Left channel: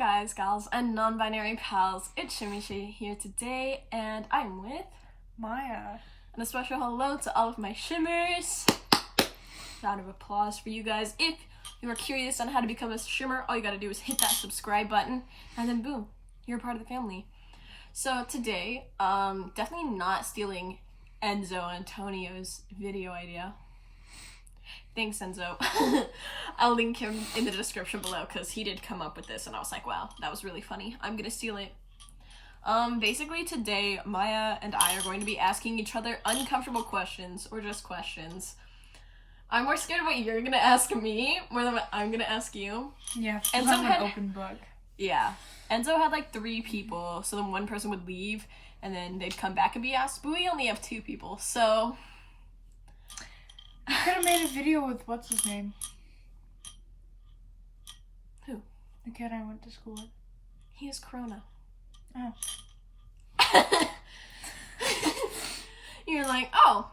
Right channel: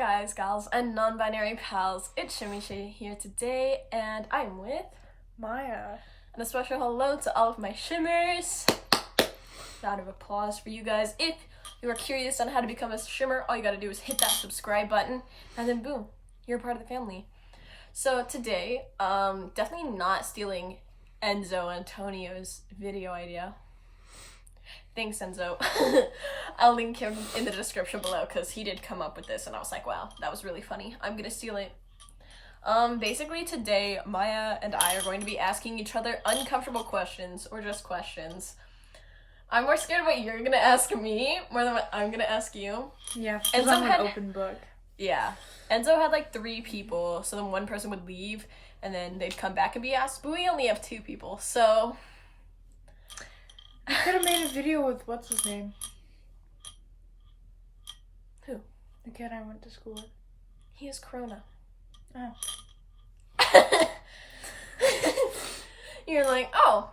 guys, gals, and non-binary pals. It's Shimishi here today, and I'm with Maya. And a special hello to all of my shimmers. Round of applause for you guys. If you are curious on how to become a shimmer, all you gotta do is hit that subscribe button, and then boom, you're a part of the family. So today, definitely not stealing Enzo Antonio's video idea. Thanks, Enzo. I'll link him in the description below because he did come up with this and I was like, wow, that was really funny. I'm gonna steal it. Basically today, Maya and I are going to be asking each other uncomfortable questions, or just questions. I'm more scared of what you're gonna ask me more than what I'm gonna ask you. Yeah, because I'm an open book. Yeah. Enzo had like 3 people, so then one person would leave and then they'd come back and be asked, but we only have 2 people, so... I could have made a video with what's his name? Who? The kid I went to school with. He has corona. Oh. You're like, oh.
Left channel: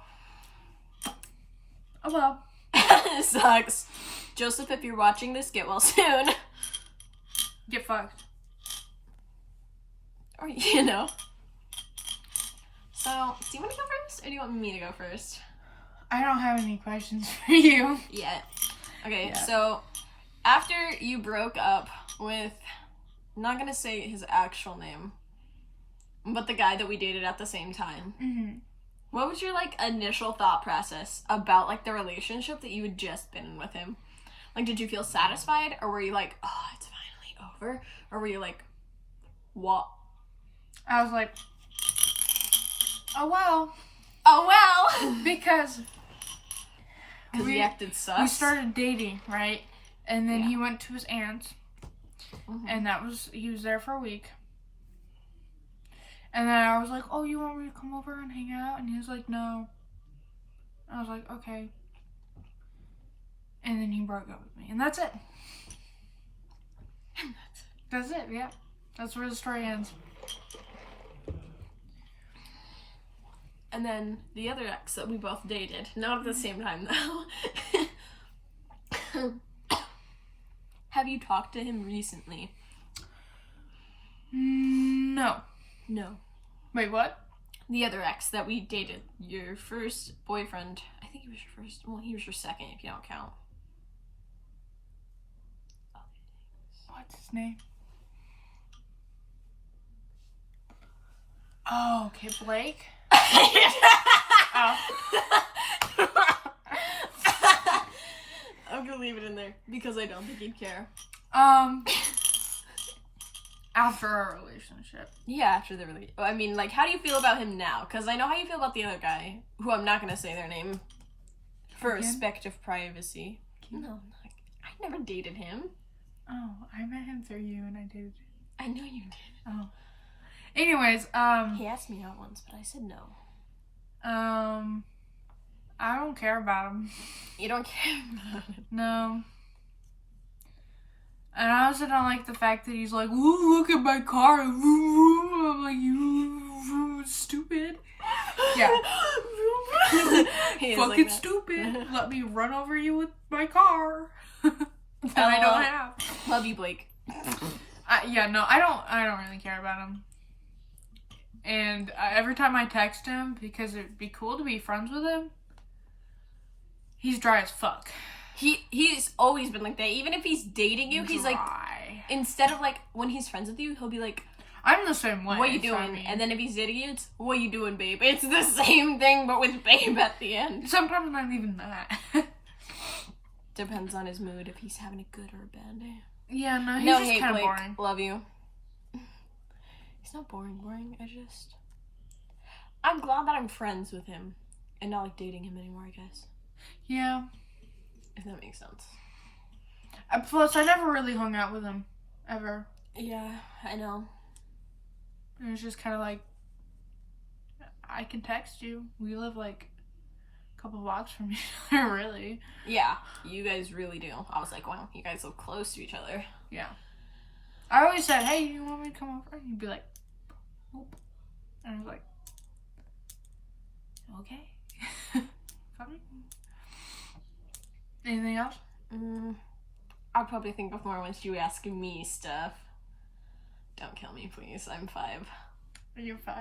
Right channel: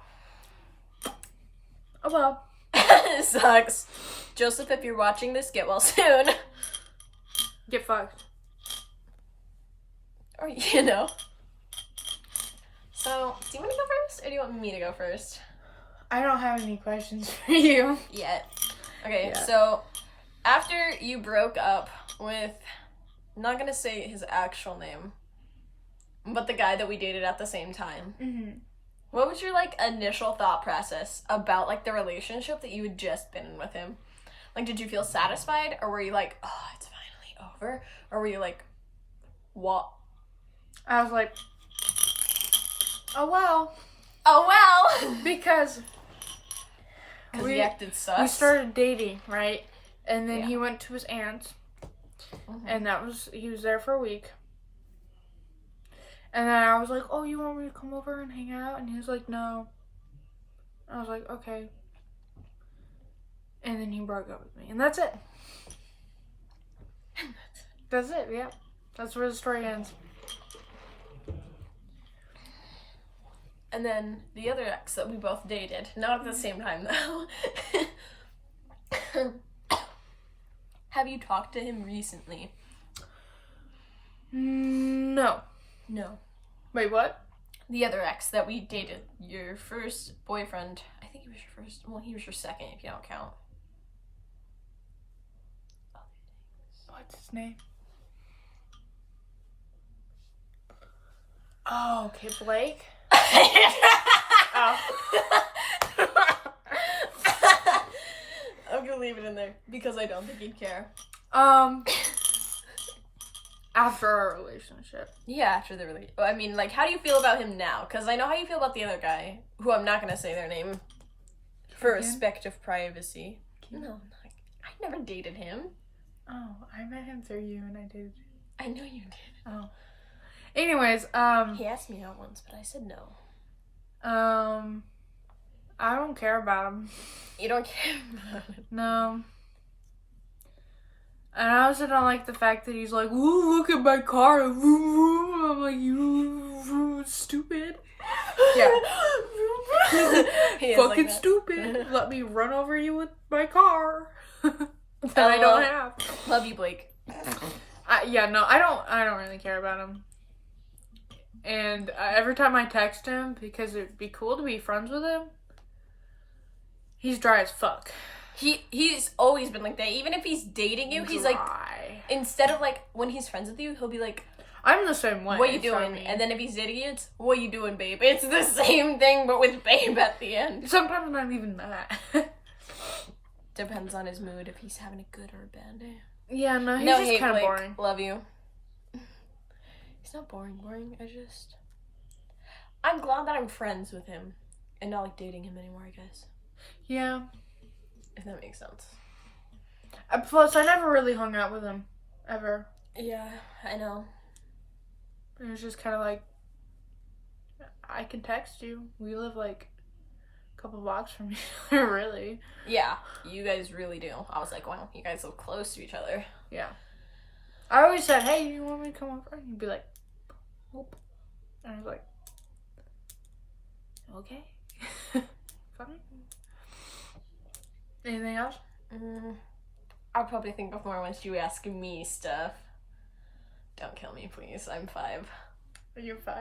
Oh well. Sucks. Joseph, if you're watching this, get well soon. Get fucked. Or, you know. So, do you want to go first, or do you want me to go first? I don't have any questions for you. Yet. Okay, Yeah. So, after you broke up with, I'm not gonna say his actual name, but the guy that we dated at the same time, what was your, like, initial thought process about, like, the relationship that you had just been in with him? Like, did you feel satisfied, or were you like, oh, it's finally over? Or were you like, what? I was like, oh well. Oh, well! Because he acted sus? We started dating, right? And then Yeah. he went to his aunt's. And he was there for a week. And then I was like, oh, you want me to come over and hang out? And he was like, no. I was like, okay. And then he broke up with me. And that's it. That's it, yeah. That's where the story ends. And then the other ex that we both dated, not at the same time though. Have you talked to him recently? No. No. Wait, what? The other ex that we dated, your first boyfriend. I think he was your first. Well, he was your second if you don't count. What's his name? Oh, okay, Blake. Oh. I'm gonna leave it in there because I don't think he'd care. After our relationship. Yeah, after the relationship. I mean, like, how do you feel about him now? Because I know how you feel about the other guy, who I'm not gonna say their name for respect of privacy. No, I never dated him. Oh, I met him through you and I dated you. I know you did. Oh. Anyways, he asked me out once, but I said no. I don't care about him. You don't care about him? No. And I also don't like the fact that he's like, ooh, look at my car. I'm like, you stupid. Yeah. Fucking like stupid. Let me run over you with my car. That I don't have. Love you, Blake. Yeah, no, I don't really care about him. And every time I text him, because it'd be cool to be friends with him, he's dry as fuck. He's always been like that. Even if he's dating you, he's like, instead of like, when he's friends with you, he'll be like, I'm the same way. What you doing? And then if he's dating you, it's, what you doing, babe? It's the same thing, but with babe at the end. Sometimes not even that. Depends on his mood, if he's having a good or a bad day. Yeah, no, he's no just hate, kind of Blake. boring. Love you. He's not boring. I'm glad that I'm friends with him and not like dating him anymore, I guess. Yeah. If that makes sense. Plus, I never really hung out with him. Ever. Yeah, I know. It was just kind of like, I can text you. We live like a couple blocks from each other, really. Yeah, you guys really do. I was like, wow, you guys live close to each other. Yeah. I always said, hey, you want me to come over? And he'd be like, nope. And I was like, okay. Fine. Anything else? I'll probably think of more once you ask me stuff. Don't kill me, please. I'm 5. Are you 5?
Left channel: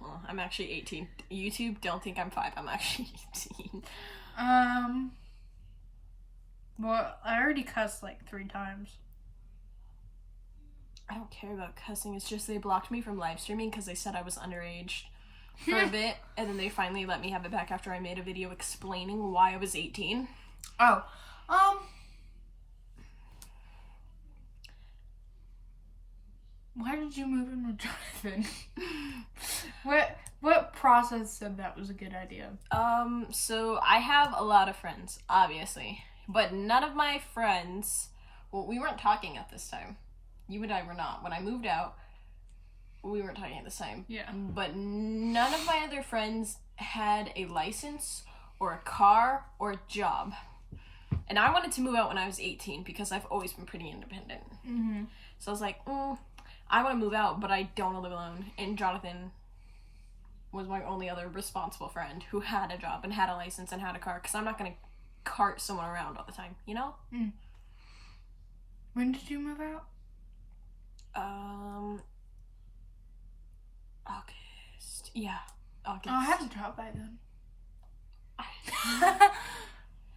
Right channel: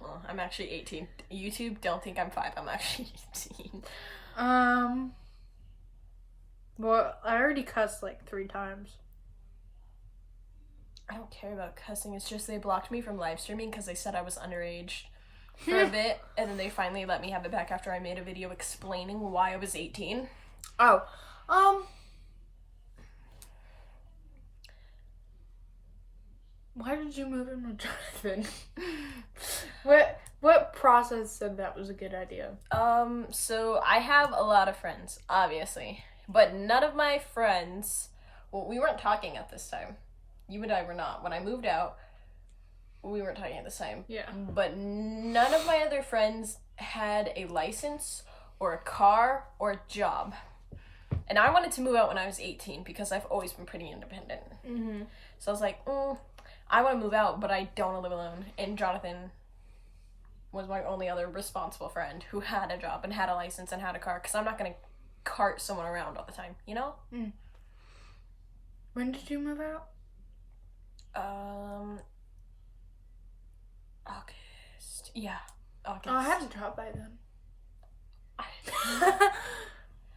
Well, I'm actually 18. YouTube, don't think I'm 5. I'm actually 18. Well, I already cussed like 3 times. I don't care about cussing. It's just they blocked me from live streaming because they said I was underage for a bit, and then they finally let me have it back after I made a video explaining why I was 18. Oh, why did you move into drive-in? What process said that was a good idea? So I have a lot of friends, obviously, but none of my friends, well, we weren't talking at this time. You and I were not. When I moved out, we weren't talking at this time. Yeah. But none of my other friends had a license or a car or a job. And I wanted to move out when I was 18 because I've always been pretty independent. Mm-hmm. So I was like, I want to move out, but I don't want to live alone. And Jonathan was my only other responsible friend who had a job and had a license and had a car, because I'm not going to cart someone around all the time, you know? Mm. When did you move out? August. Yeah, August. Oh, I had to drop by then. I've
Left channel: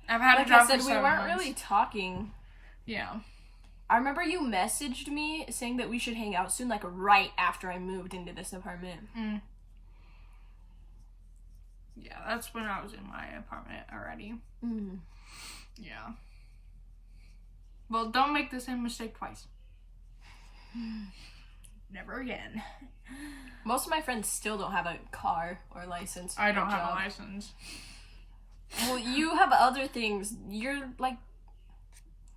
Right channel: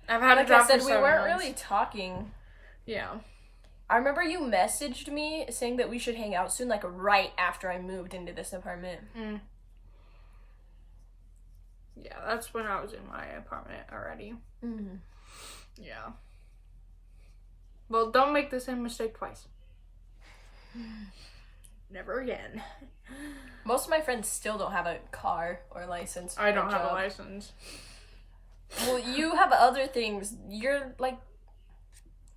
Like had to I drop said, for we 7 weren't months. really talking. Yeah. I remember you messaged me saying that we should hang out soon, like right after I moved into this apartment. Mm. Yeah, that's when I was in my apartment already. Mm. Yeah. Well, don't make the same mistake twice. Never again. Most of my friends still don't have a car or license. I don't or have a job. license. Well, you have other things. You're like,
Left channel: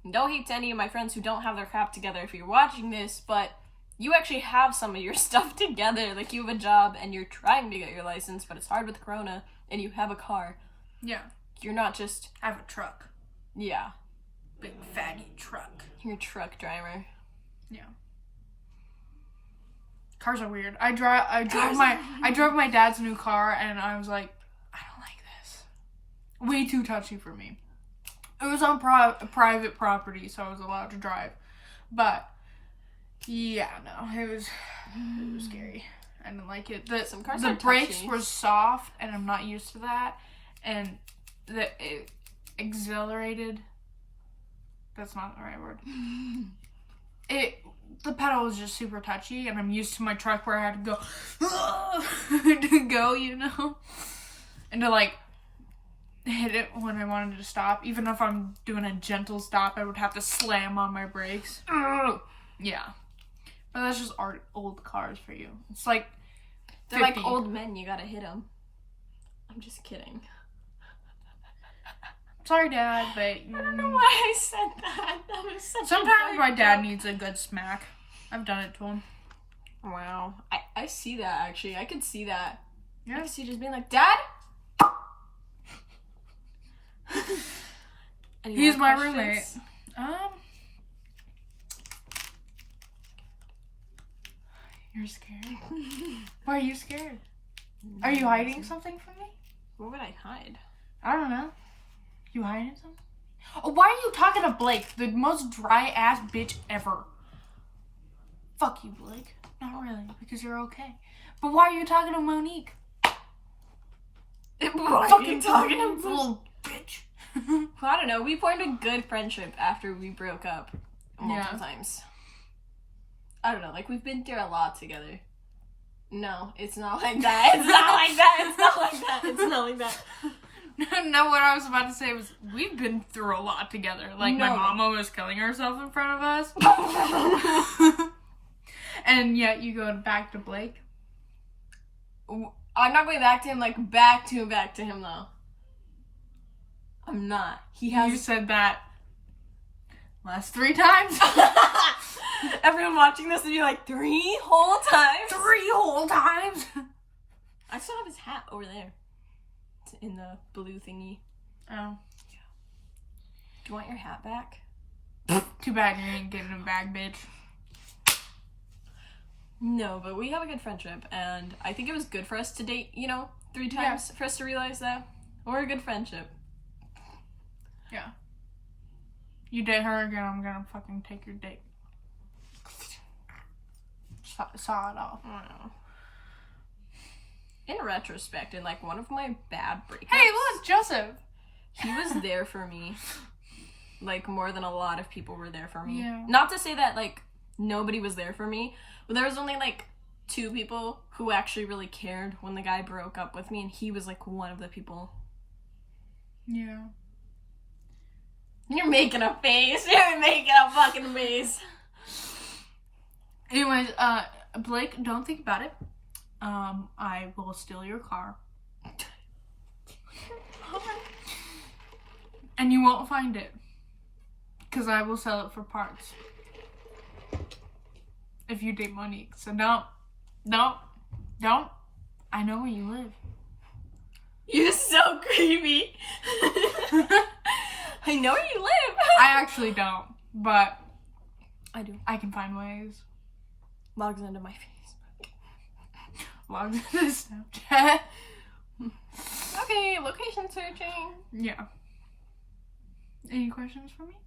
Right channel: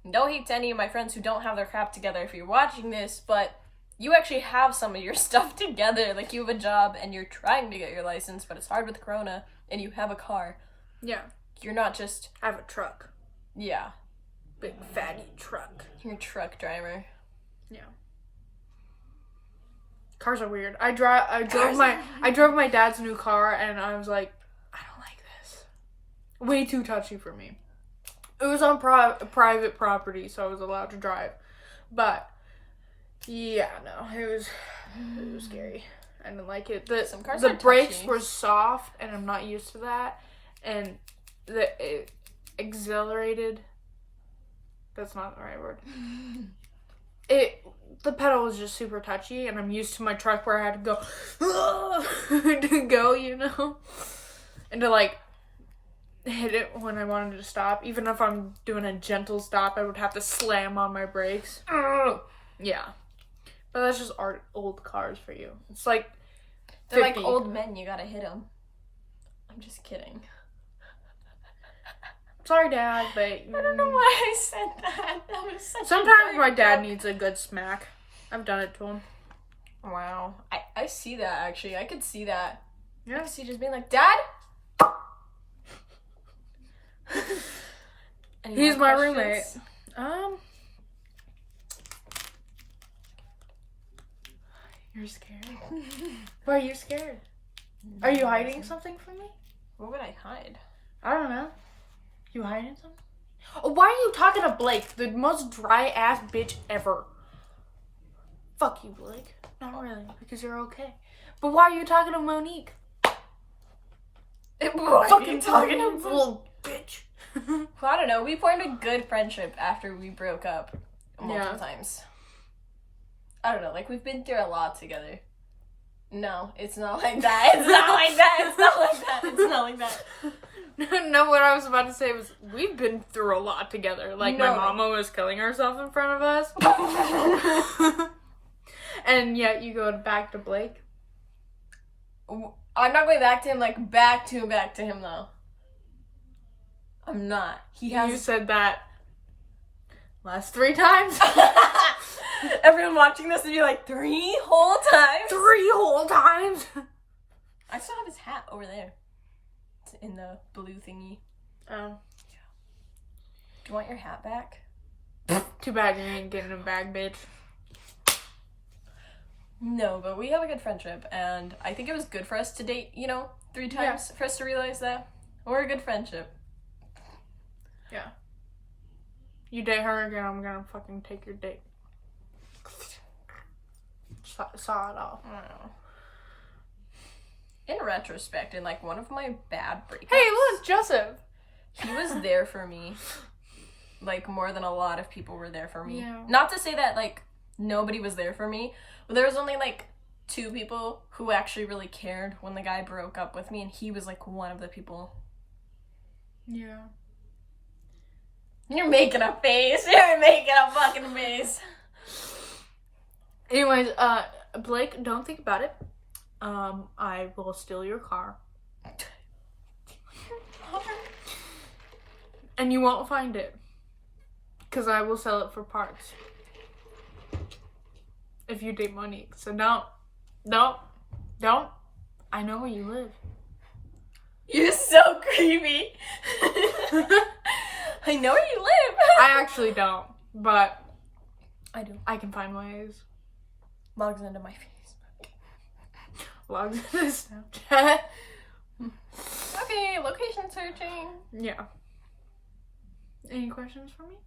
no hate to any of my friends who don't have their crap together if you're watching this, but you actually have some of your stuff together. Like, you have a job and you're trying to get your license, but it's hard with Corona, and you have a car. Yeah. You're not just, I have a truck. yeah, Big fatty truck. you're a truck driver. Yeah. Cars are weird. I drove my dad's new car and I was like, I don't like this. Way too touchy for me. It was on private property, so I was allowed to drive. But yeah, no, it was scary. I didn't like it. Some cars The are brakes touchy. were soft and I'm not used to that. And it exhilarated. That's not the right word. The pedal was just super touchy, and I'm used to my truck where I had to go, to go, you know, and to like hit it when I wanted to stop. Even if I'm doing a gentle stop, I would have to slam on my brakes. Yeah, but that's just old cars for you. It's like They're 50. like old men, you gotta hit them. I'm just kidding. Sorry, Dad, but I don't know why I said that. That was such a sometimes dark my dad joke. needs a good smack. I've done it to him. Wow. I see that, actually. I could see that. Yeah. I could see just being like, Dad? Any He's more my questions? roommate. You're scared? Why are you scared? Are you hiding something from me? What would I hide? I don't know. You hiding something? Oh, why are you talking to Blake, the most dry ass bitch ever? Fuck you, Blake. Not really, because you're okay. But why are you talking to Monique? Why are you talking to little bitch? Well, I don't know. We formed a good friendship after we broke up multiple times. I don't know. Like, we've been through a lot together. No, it's not like that. It's not like that. It's not like that. It's not like that. No, what I was about to say was we've been through a lot together. Like, No. my mom almost killing herself in front of us. And yet you go back to Blake. I'm not going back to him, like, back to him, though. I'm not. He has... You said that last 3 times. Everyone watching this would be like, 3 whole times? 3 whole times. I still have his hat over there. It's in the blue thingy. Oh. Do you want your hat back? Too bad you ain't getting a bag, bitch. No, but we have a good friendship, and I think it was good for us to date, 3 times for us to realize that. We're a good friendship. Yeah. You date her again, I'm gonna fucking take your date. saw it all. I don't know. In retrospect, in like one of my bad breakups. Hey, look, Joseph. He was there for me. Like more than a lot of people were there for me. Yeah. Not to say that like nobody was there for me, but there was only like 2 people who actually really cared when the guy broke up with me, and he was like one of the people. Yeah. You're making a face. You're making a fucking face. Anyways, Blake, don't think about it. I will steal your car. And you won't find it. Because I will sell it for parts. If you date Monique. So don't. I know where you live. You're so creepy. I know where you live. I actually don't. But I do. I can find ways. Logs into my Facebook. Logs into Snapchat. Okay, location searching. Yeah. Any questions for me?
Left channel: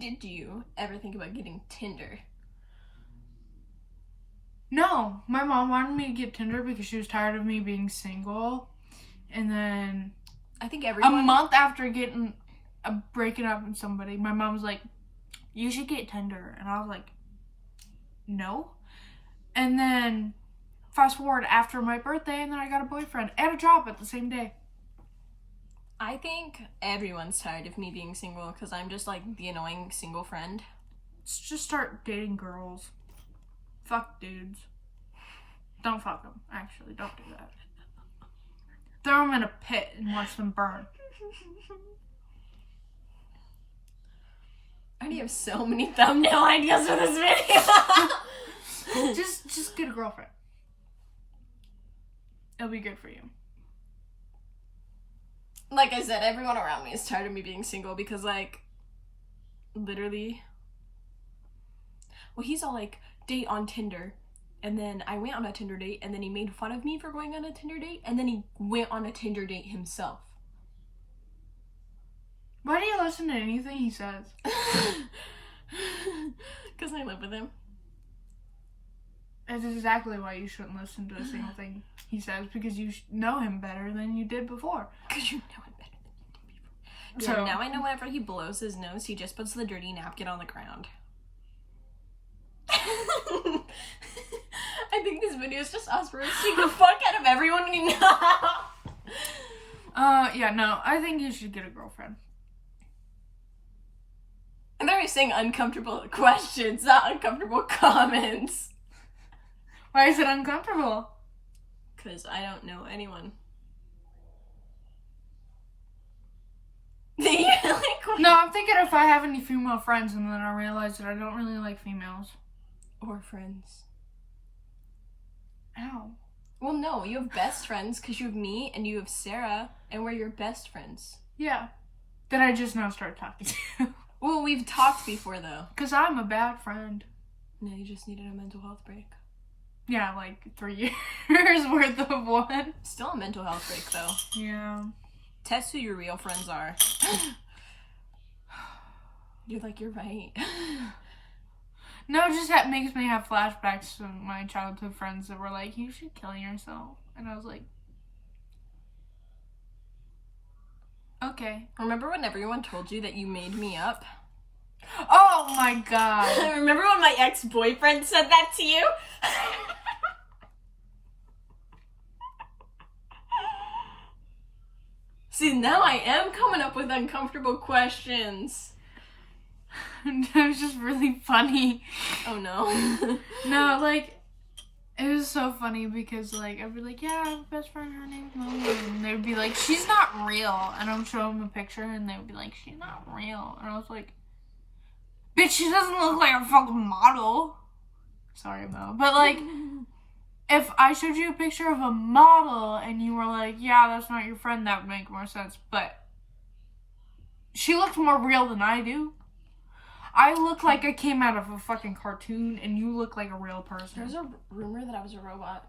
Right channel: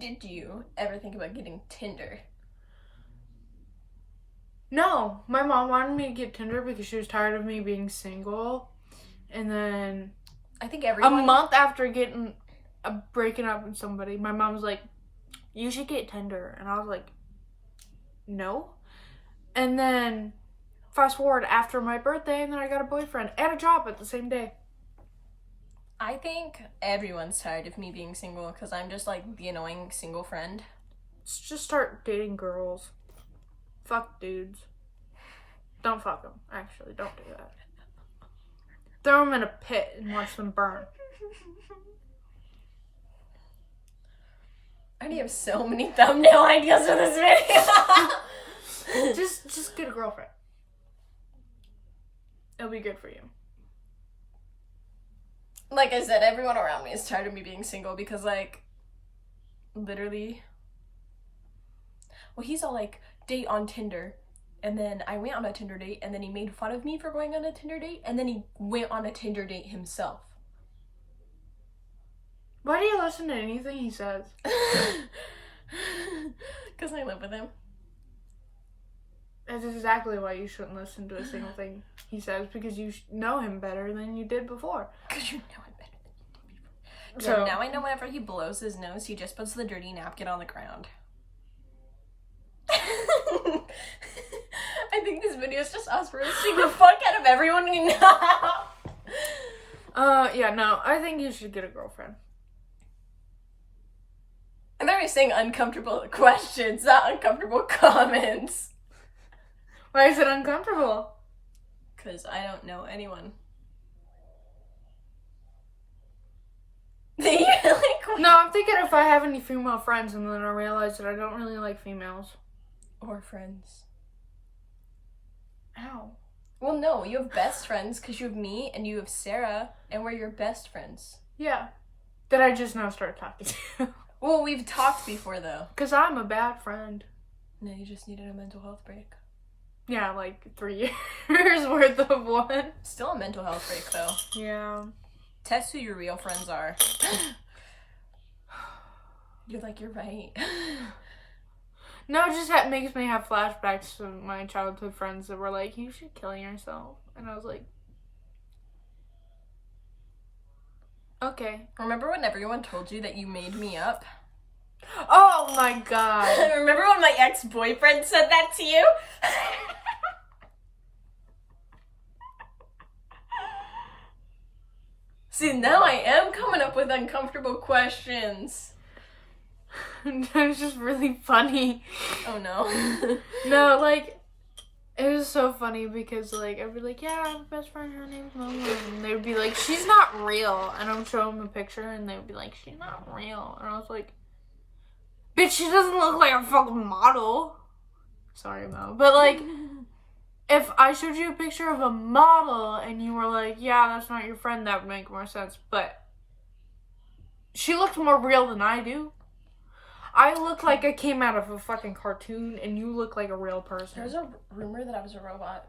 Did you ever think about getting Tinder? No. My mom wanted me to get Tinder because she was tired of me being single. And then I think everyone... a month after breaking up with somebody, my mom was like, you should get Tinder. And I was like, no. And then fast forward after my birthday, and then I got a boyfriend and a job at the same day. I think everyone's tired of me being single because I'm just like the annoying single friend. Let's just start dating girls. Fuck dudes. Don't fuck them. Actually, don't do that. Throw them in a pit and watch them burn. I already have so many thumbnail ideas for this video. just get a girlfriend. It'll be good for you. Like I said, everyone around me is tired of me being single because, like, literally... Well, he's all like, date on Tinder. And then I went on a Tinder date, and then he made fun of me for going on a Tinder date, and then he went on a Tinder date himself. Why do you listen to anything he says? Because I live with him. That's exactly why you shouldn't listen to a single thing he says, because you know him better than you did before. Because you know him better than you did before. Yeah, now I know whenever he blows his nose, he just puts the dirty napkin on the ground. I think this video is just us roasting the fuck out of everyone we know. Yeah, no, I think you should get a girlfriend. I'm already saying uncomfortable questions, not uncomfortable comments. Why is it uncomfortable? Because I don't know anyone. Like, no, I'm thinking if I have any female friends and then I realize that I don't really like females. Or friends. Ow. Well, no, you have best friends because you have me and you have Sarah, and we're your best friends. Yeah. That I just now started talking to. Well, we've talked before, though. Because I'm a bad friend. No, you just needed a mental health break. Yeah, like 3 years worth of one. Still a mental health break, though. Yeah. Test who your real friends are. You're like, you're right. No, it just makes me have flashbacks to my childhood friends that were like, you should kill yourself. And I was like, okay. Remember when everyone told you that you made me up? Oh my god. Remember when my ex-boyfriend said that to you? See, now I am coming up with uncomfortable questions. It was just really funny. Oh no. No, like, it was so funny because, like, I'd be like, yeah, I have a best friend, her name's Momo. And they'd be like, she's not real. And I'm showing them a picture and they'd be like, she's not real. And I was like, bitch, she doesn't look like a fucking model. Sorry, Mo. But, like, if I showed you a picture of a model and you were like, yeah, that's not your friend, that would make more sense. But she looked more real than I do. I look like I came out of a fucking cartoon and you look like a real person. There's a rumor that I was a robot.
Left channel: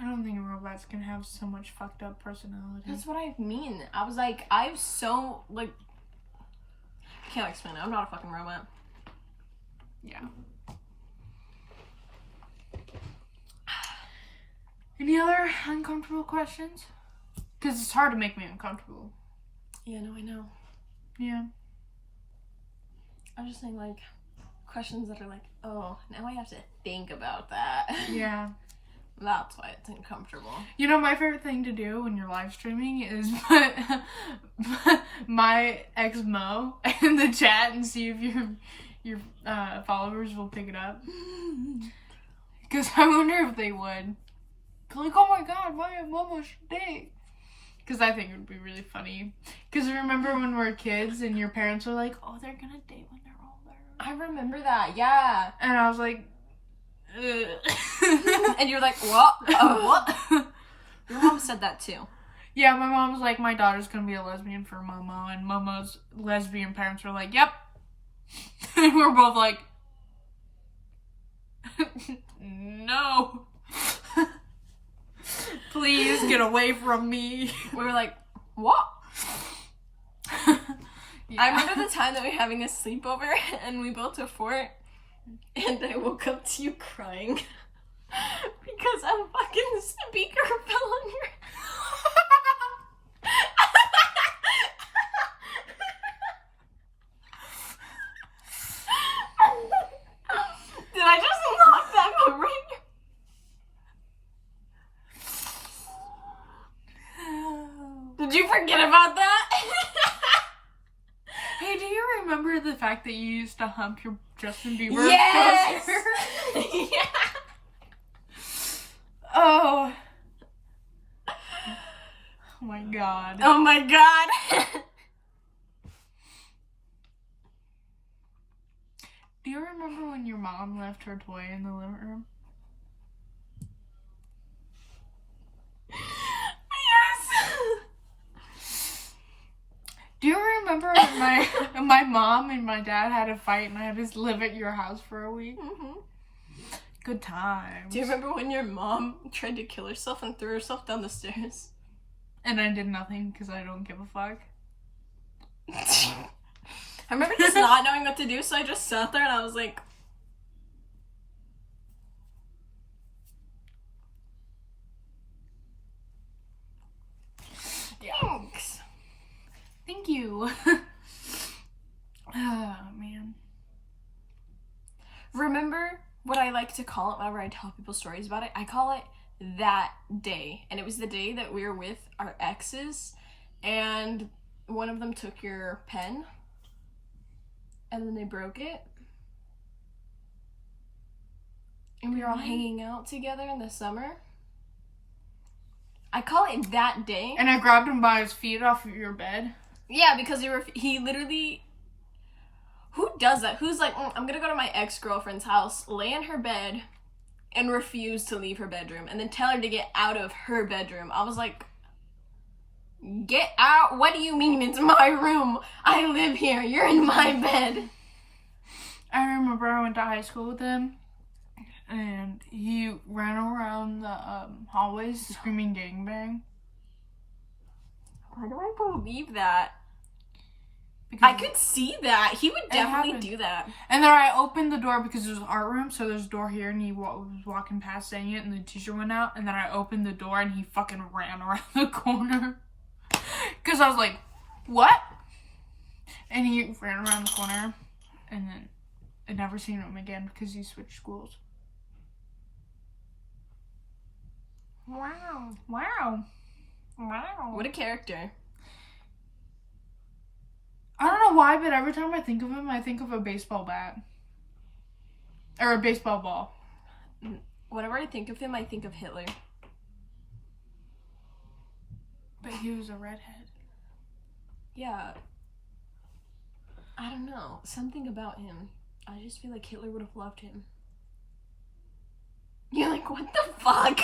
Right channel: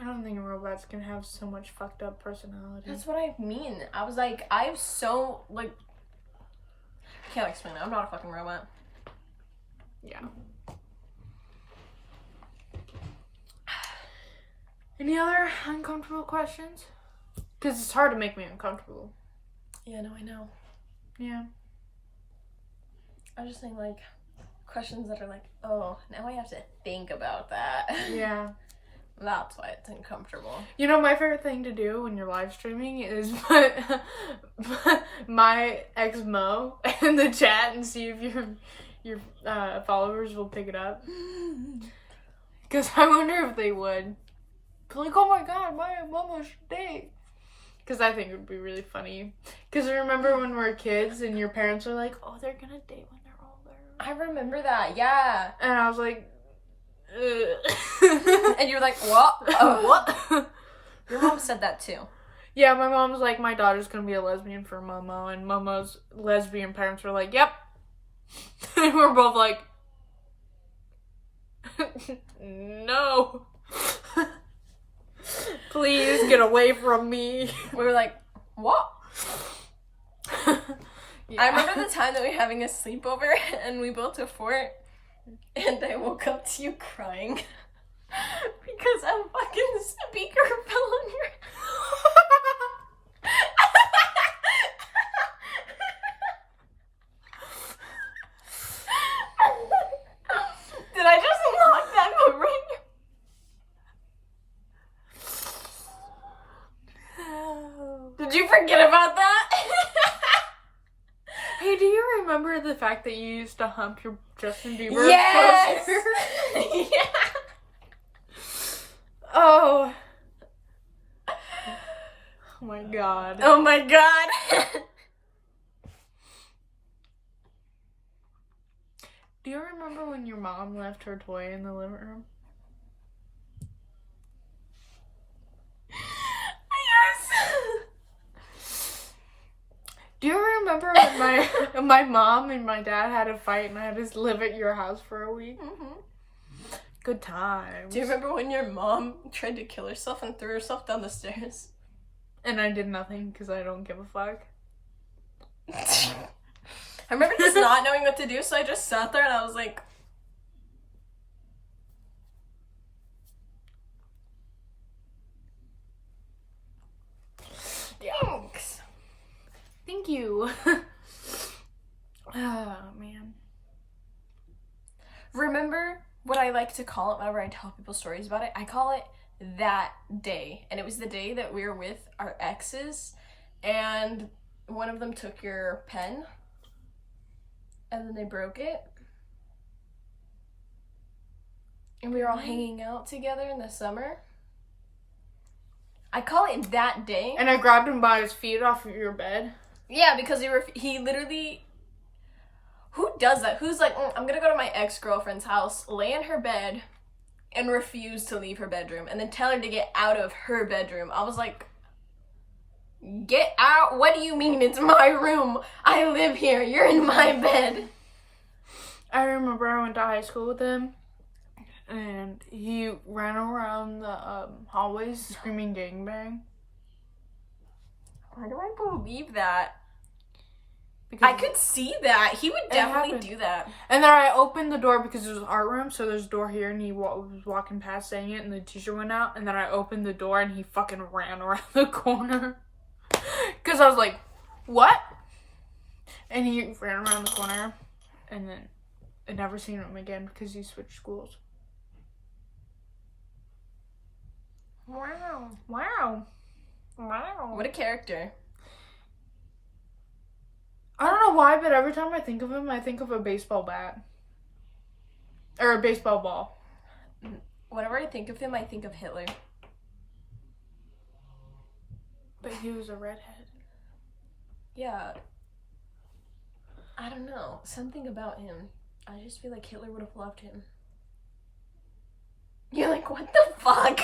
I don't think robots can have so much fucked up personality. That's what I mean. I was like, I have so, like, I can't explain it. I'm not a fucking robot. Yeah. Any other uncomfortable questions? Because it's hard to make me uncomfortable. Yeah, no, I know. Yeah. I was just saying, like, questions that are like, oh, now I have to think about that. Yeah. That's why it's uncomfortable. You know, my favorite thing to do when you're live streaming is put my moniquelmao in the chat and see if your followers will pick it up. Because I wonder if they would. Like, oh my god, my mama should date. Because I think it would be really funny. Because I remember when we were kids and your parents were like, oh, they're gonna date when they're older. I remember that, yeah. And I was like, and you were like, what? What? Your mom said that too. Yeah, my mom's like, my daughter's gonna be a lesbian for Momo, and Momo's lesbian parents were like, yep. And we're both like, no. Please get away from me. We were like, what? Yeah. I remember the time that we were having a sleepover and we built a fort and I woke up to you crying because a fucking speaker fell on your Did I just unlock that memory? Did you forget about that? Hey, do you remember the fact that you used to hump your Justin Bieber Yes! poster? Yeah. Oh. Oh my god. Oh my god. Do you remember when your mom left her toy in the living room? Yes. Do you remember when my mom and my dad had a fight and I had to live at your house for a week? Mm-hmm. Good times. Do you remember when your mom tried to kill herself and threw herself down the stairs? And I did nothing because I don't give a fuck. I remember just not knowing what to do, so I just sat there and I was like... Thanks. Thank you. Oh, man. Remember what I like to call it whenever I tell people stories about it? I call it that day. And it was the day that we were with our exes and one of them took your pen and then they broke it. And we were all hanging out together in the summer. I call it that day. And I grabbed him by his feet off of your bed. Yeah, because he literally... Who does that? Who's like, I'm gonna go to my ex-girlfriend's house, lay in her bed, and refuse to leave her bedroom, and then tell her to get out of her bedroom. I was like, get out? What do you mean? It's my room. I live here. You're in my bed. I remember I went to high school with him, and he ran around the hallways screaming gangbang. Why do I believe that? Because I could see that. He would definitely do that. And then I opened the door because it was art room, so there's a door here, and he was walking past saying it, and the teacher went out, and then I opened the door, and he fucking ran around the corner. Because I was like, what? And he ran around the corner, and then I never seen him again because he switched schools. Wow. Wow. Wow. What a character. I don't know why, but every time I think of him, I think of a baseball bat. Or a baseball ball. Whenever I think of him, I think of Hitler. But he was a redhead. Yeah. I don't know. Something about him. I just feel like Hitler would have loved him. You're like, what the fuck?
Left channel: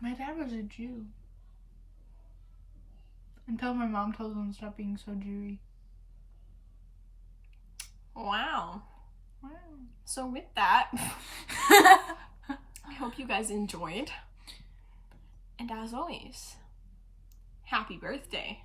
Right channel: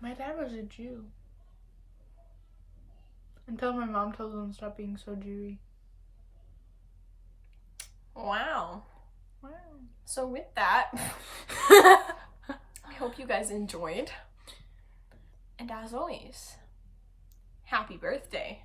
My dad was a Jew. Until my mom told him to stop being so Jewy. Wow. Wow. So with that, I hope you guys enjoyed. And as always, happy birthday.